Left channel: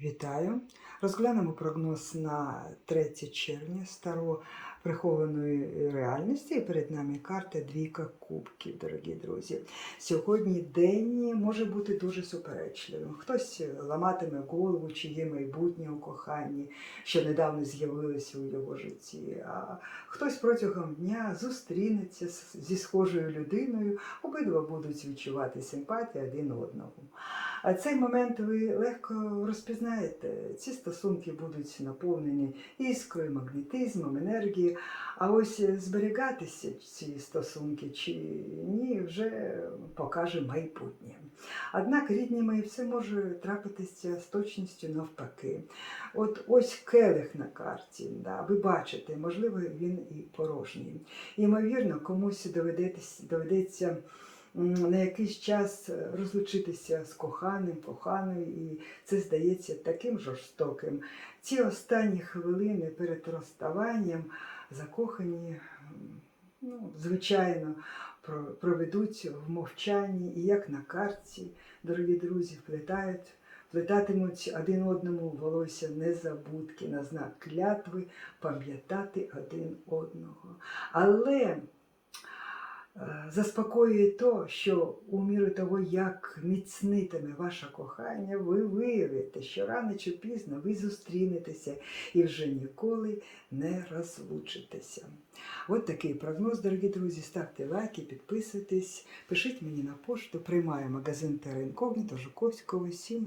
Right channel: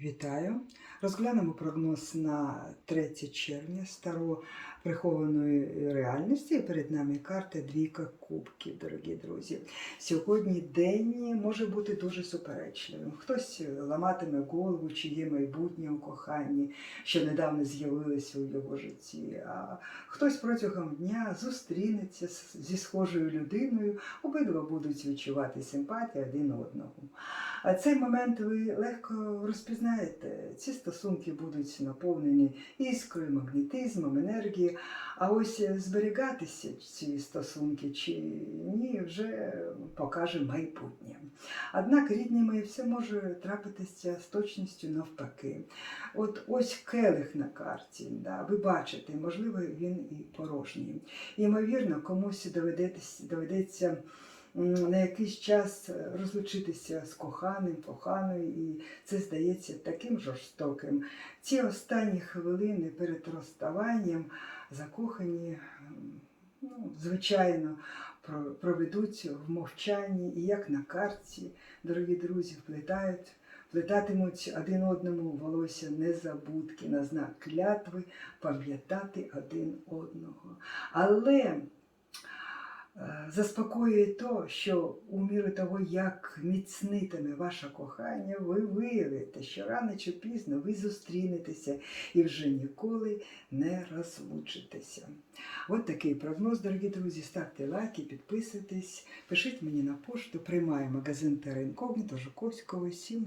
Вітаю! Розглянемо прогноз на 3 червня старо прихованої реальності. І перед нами карта Двійка Кубків, дорогі друзі. Сьогодні день може бути дуже суперечливим. Хтось ламатиме голову, чи є майбутнє у коханні, що недавно з'явилося у його житті. А хтось протягом дня зустрінеться зі схожою людиною, обидва будуть відчувати симпатію один одного. А цей момент ви легко розпізнаєте. Ці стосунки будуть наповнені іскрою, магнетизмом, енергією. А ось зберігатися ці стосунки чи ні, вже покаже майбутнє. Однак, рідні мої, все може трапитися з точністю навпаки. От ось келих на карті, да, ви бачите, можливо, він і порожній. Ймовірно, комусь доведеться, доведеться на якийсь час розлучитися з коханим, коханою, і це здається таким жорстоким. Ці останні хвилини перед розставанням закохані, ну, звичайно, проведуть в мовчанні, і як на карті, дорогі друзі, вплетають. Плетатимуть один одному волосся незабудки на знак клятви, пам'ятати один одного. Але Е, Заспокоює то, що у міру того, як міцнитиме ваше кохання, ви виявите, що рано чи пізно ви зустрінетеся і вже ніколи не розлучитеся. От такий прогноз, дорогі друзі. Ставте лайки, підписуйтесь, пишіть мені на пошту, приймаю магазин Терра Інкогніто, Жуковського 7.